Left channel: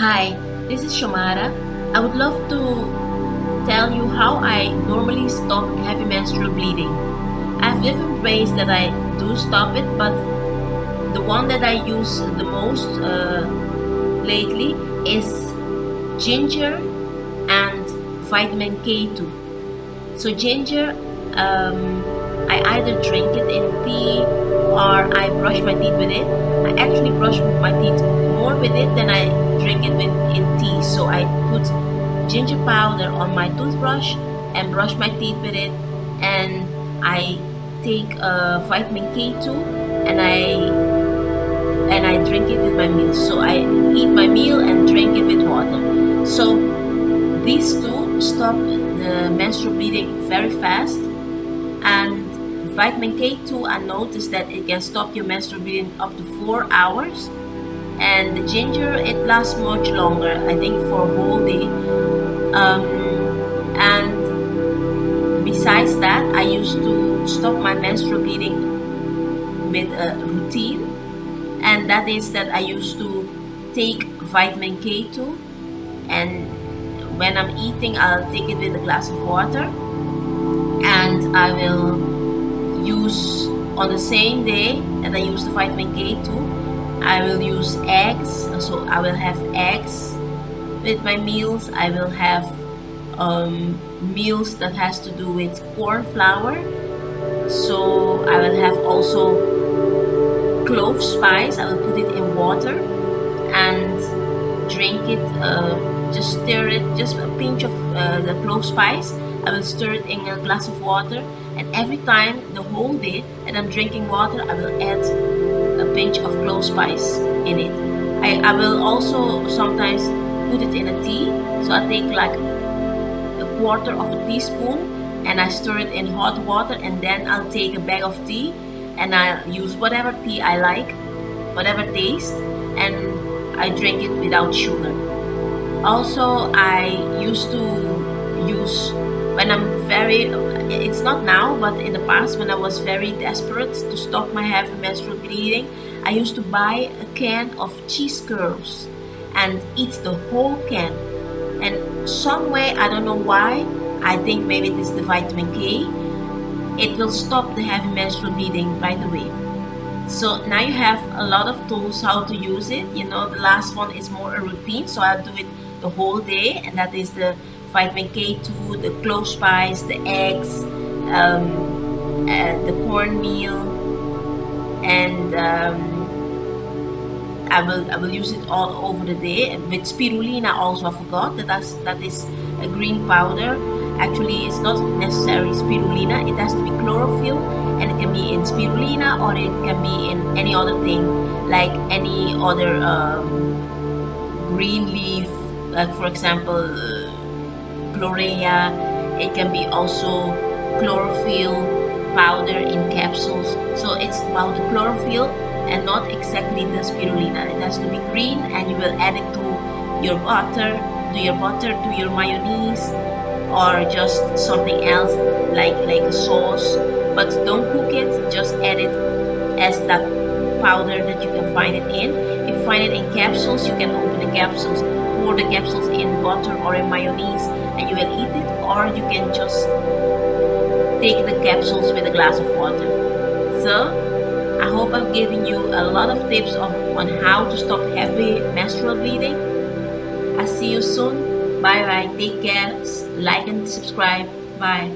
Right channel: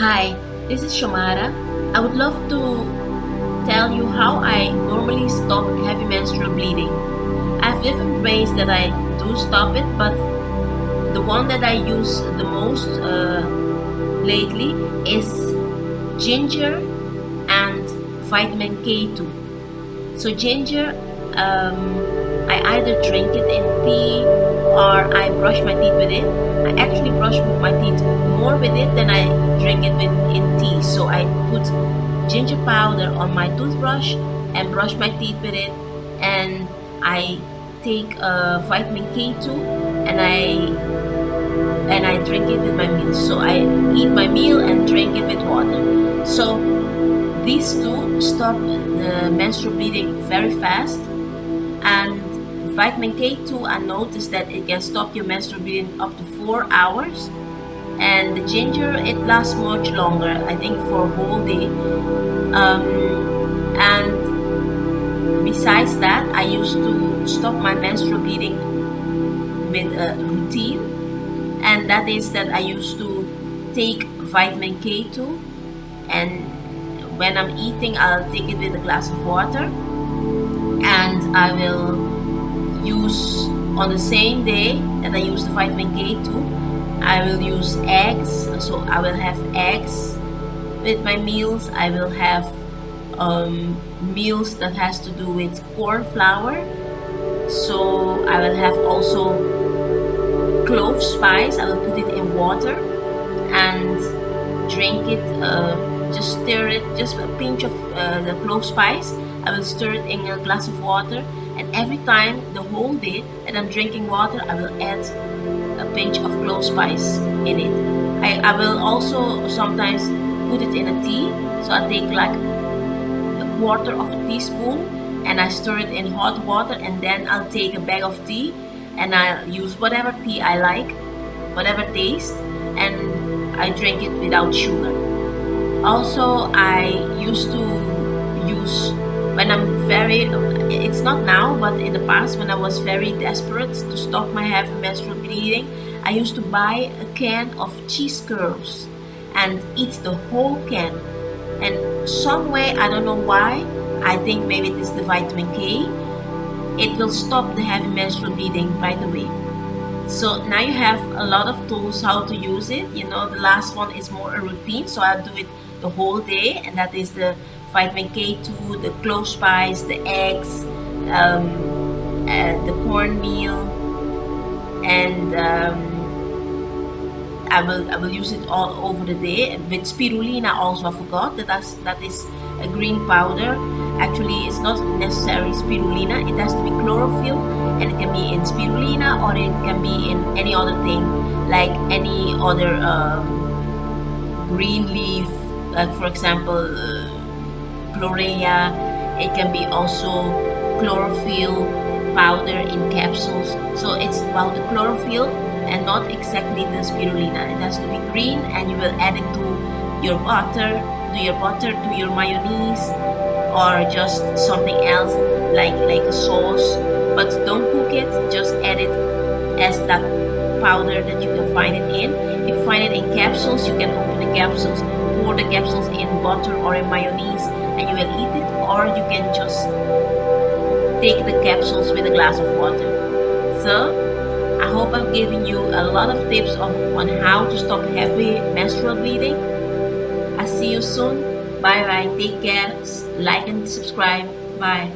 Hi, this is Shomara. I would love to tell you how I normally stop heavy menstrual bleeding. I have different ways that I do stop it, but the one that I use the most lately is ginger and vitamin K2. So ginger, I either drink it in tea or I brush my teeth with it. I actually brush my teeth more with it than I drink it in tea. So I put ginger powder on my toothbrush and brush my teeth with it, and I take vitamin K2 and I drink it with my meal. So I eat my meal and drink it with water. So these two stop the menstrual bleeding very fast, and vitamin K2, I noticed that it can stop your menstrual bleeding up to 4 hours, and the ginger, it lasts much longer, I think for a whole day. And besides that, I used to stop my menstrual bleeding with a routine, and that is that I used to take vitamin K2, and when I'm eating, I'll take it with a glass of water, and I will use on the same day that I use the vitamin K2, I will use eggs. So I will have eggs with my meals. I will have meals that has to do with corn flour. So I will have also clove spice. I will put it in water and drink it. Just stir it, just a pinch of the clove spice. I will stir it in a glass of water, and every time the whole day that I'm drinking water, I will add a pinch of clove spice in it. I will also sometimes put it in a tea. So I take like a quarter of a teaspoon and I stir it in hot water, and then I'll take a bag of tea and I'll use whatever tea I like, whatever taste, and I drink it without sugar. Also, I used to use, when I'm very, it's not now, but in the past when I was very desperate to stop my heavy menstrual bleeding, I used to buy a can of cheese curls and eat the whole can. And some way, I don't know why, I think maybe it is the vitamin K, it will stop the heavy menstrual bleeding right away. So now you have a lot of tools how to use it. You know, the last one is more a routine, so I'll do it the whole day, and that is the vitamin K2, the clove spice, the eggs, the cornmeal, and I will use it all over the day. With spirulina also, I forgot that is a green powder. Actually, it's not necessarily spirulina. It has to be chlorophyll, and it can be in spirulina or it can be in any other thing, like any other green leaf, like for example chlorea. It can be also chlorophyll powder in capsules. So it's about the chlorophyll and not exactly the spirulina. It has to be green, and you will add it to your butter, to your mayonnaise, or just something else like a sauce. But don't cook it, just add it as that powder that you can find it in. If you find it in capsules, you can open the capsules, pour the capsules in butter or in mayonnaise, and you will eat it, or you can just take the capsules with a glass of water. So I hope I've given you a lot of tips on how to stop heavy menstrual bleeding. I'll see you soon. Bye bye. Take care. Like and subscribe. Bye.